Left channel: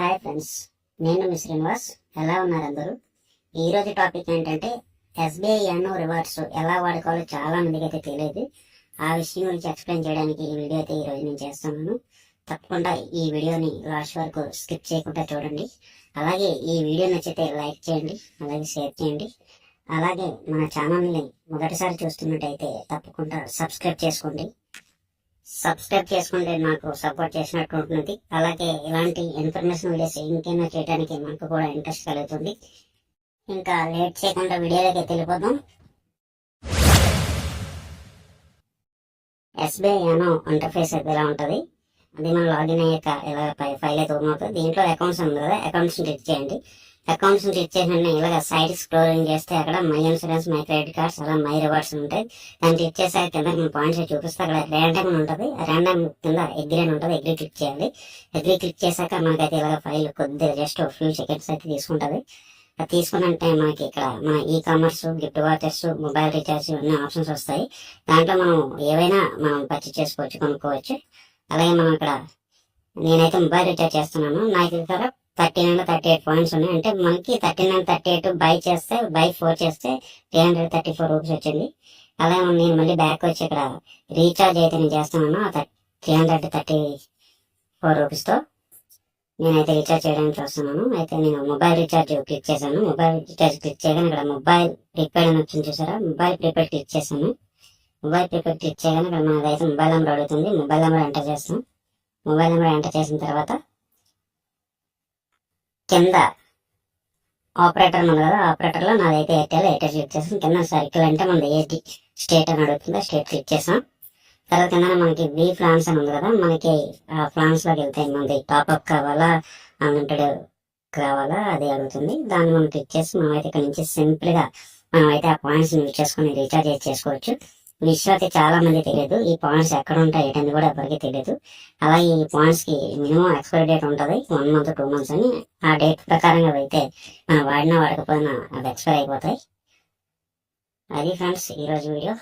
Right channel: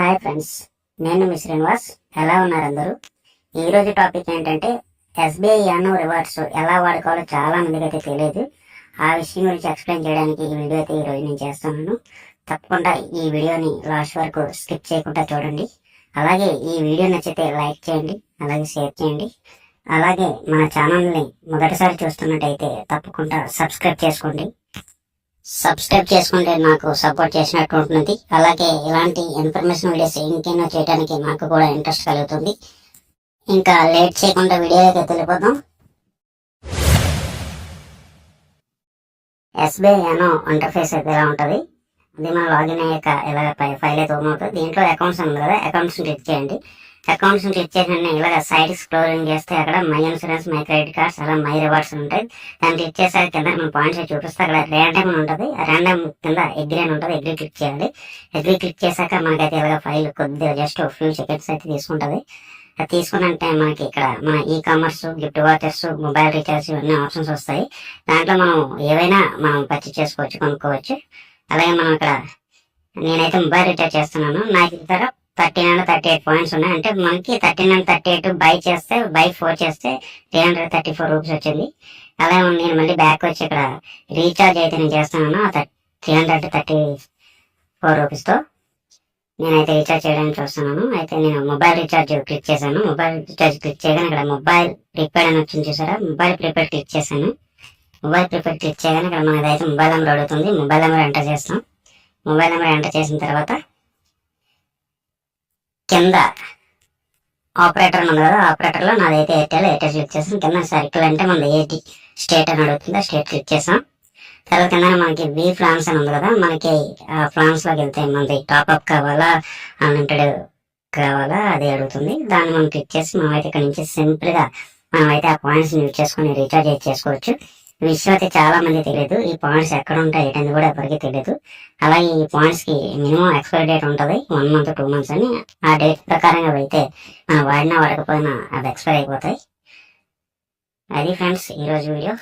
Hi friends, నేను మీ శ్రీనివాస్. ఎలా ఉన్నారు అందరూ? ఈరోజు టాపిక్ ఏంటంటే ఎస్బీఐ యానో రివార్డ్స్ ఎలా వాడుకోవాలో చాలా మందికి అయితే తెలియదు. ఆ విషయం గురించి ఎక్స్ప్లెయిన్ చేయడానికి ఈ వీడియో అయితే ఈరోజు నేను చేస్తున్నాను. తప్పకుండా ఈ వీడియోని లాస్ట్ వరకు స్కిప్ చేయకుండా చూడండి. అలాగే ఈ వీడియో నచ్చితే లైక్ చేయండి, అలాగే షేర్ చేయండి. అలాగే మన ఛానల్ని మొదటిసారి చూస్తున్నట్టయితే తప్పకుండా సబ్స్క్రైబ్ చేసుకోండి. సబ్స్క్రైబ్ చేసుకుంటే నాకు సపోర్ట్ చేసినట్టు ఉంటుంది. అలాగే ఇలాంటి ఇన్ఫర్మేషన్ వీడియోస్ ఇంకెన్నో చేయడానికి నాకు కూడా ఇంట్రెస్ట్ కలుగుతుంది. ఇంకా లేట్ చేయకుండా వీడియోలోకి వెళ్ళిపోదాం. ఎస్బీఐ యానో ఇంటర్ఫేస్ అయితే ఎలా ఉంటుంది, అది మనం లాగిన్ అయ్యాక ఇలా ఫైల్ అయితే ఓపెన్ అవుతుంది. దీంట్లో అకౌంట్స్ ఉంది కదా, అకౌంట్స్ని క్లిక్ చేయండి. అకౌంట్స్ని క్లిక్ చేసిన ఇలాగ సైడ్ స్క్రోలింగ్ చేస్తే అక్కడ my insurance, my credit cards, అలా మై రివార్డ్స్ ఉంటాయి. దాన్ని క్లిక్ చేసాక కింద మన పాయింట్స్ చూపిస్తే అక్కడ ర్యాండమ్ ఉంటుంది. ఆ ర్యాండమ్ కింద ఎగ్రీ అని ఉంటుంది, ఎగ్రీ క్లిక్ చేయాలి. ఎగ్రీ క్లిక్ చేశాక మనకైతే ఇలాగ ఫైల్ కొద్దిగా జస్ట్ ఫ్యూ సెకండ్స్ అయితే తీసుకుంటుంది. అది తీసుకున్నంటే మనకి ఇక్కడ మన e commerce, gift watchers, mobile recharge ఇవన్నీ ఆప్షన్స్ వస్తాయి. దాంట్లో మనం ఏవైనా మనం పర్చేస్ చేసుకోవచ్చు, కొనుక్కోవచ్చు. అలాగే మనం ఇక్కడ నేనైతే మొబైల్ రీఛార్జ్ చేస్తున్నాను. నాకు ఇక్కడ 13 and 38 పాయింట్స్ ఉన్నాయి. అంటే మనకి 13 and 38 బై 4 చేస్తే 334 రూపీస్ వచ్చింది. అలాగే నేను మళ్ళీ బ్యాక్ వచ్చి ఇక్కడ రీఛార్జ్ అయితే నేను చేస్తున్నాను 334 రూపీస్తో నేనైతే రీఛార్జ్ చేయడానికి చూస్తున్నాను. అయితే నేను మొబైల్ రీఛార్జ్ క్లిక్ చేశాను. మొబైల్ రీఛార్జ్ క్లిక్ చేయగానే ఇక్కడ మొబైల్ ప్రీపెయిడ్ అని వచ్చింది చూసారా, మొబైల్ ప్రీపెయిడ్ క్లిక్ చేశాను. మొబైల్ ప్రీపెయిడ్ క్లిక్ చేయగానే ఇక్కడ మనదైతే మొబైల్ నెంబర్ అడుగుతుంది. మొబైల్ నెంబర్ ఎంటర్ చేస్తాం. మొబైల్ నెంబర్ ఎంటర్ చేసిన తర్వాత కింద ఆపరేటర్ ఉంది కదా, ఆపరేటర్లో నాదైతే ఎయిర్టెల్ క్లిక్ చేసాం. కింద సర్కిల్ అంటే మనది ఏటి స్టేట్ అని అడుగుతుంది, స్టేట్ క్లిక్ చేసాం. తర్వాత కింద మనకి వి ప్లాన్స్ అని ఉంది కదా, మనకి ఆ ప్లాన్స్లోకి వెళ్తే మనది టాప్అప్ కావాలా, అన్లిమిటెడ్ కావాలా అది అడుగుతుంది. దాన్ని మనం క్లిక్ చేసి మనమైతే ఇక్కడ నుంచి సింపుల్గా మనమైతే ఆ పాయింట్స్ యూజ్ చేసుకుని రీఛార్జ్ చేసుకోవచ్చు. ఈ విషయం అయితే చాలా మంది తెలియదు. ఈ పాయింట్స్ ఎక్కడ ఉంటాయి ఏంటని కూడా ఎవరికి తెలియదు. అలాగే ఈ పాయింట్స్ కి మినిమం ఎక్స్పైరీ డేట్ ఉంటుంది, 1 month 2 months అని. ఆ డేట్ ప్రకారంగా అయితే మనం వాడినా వాడకపోయినా అవి ఎక్స్పైర్ అయిపోతాయి. అది ఫ్రెండ్స్ ఈరోజు వీడియో.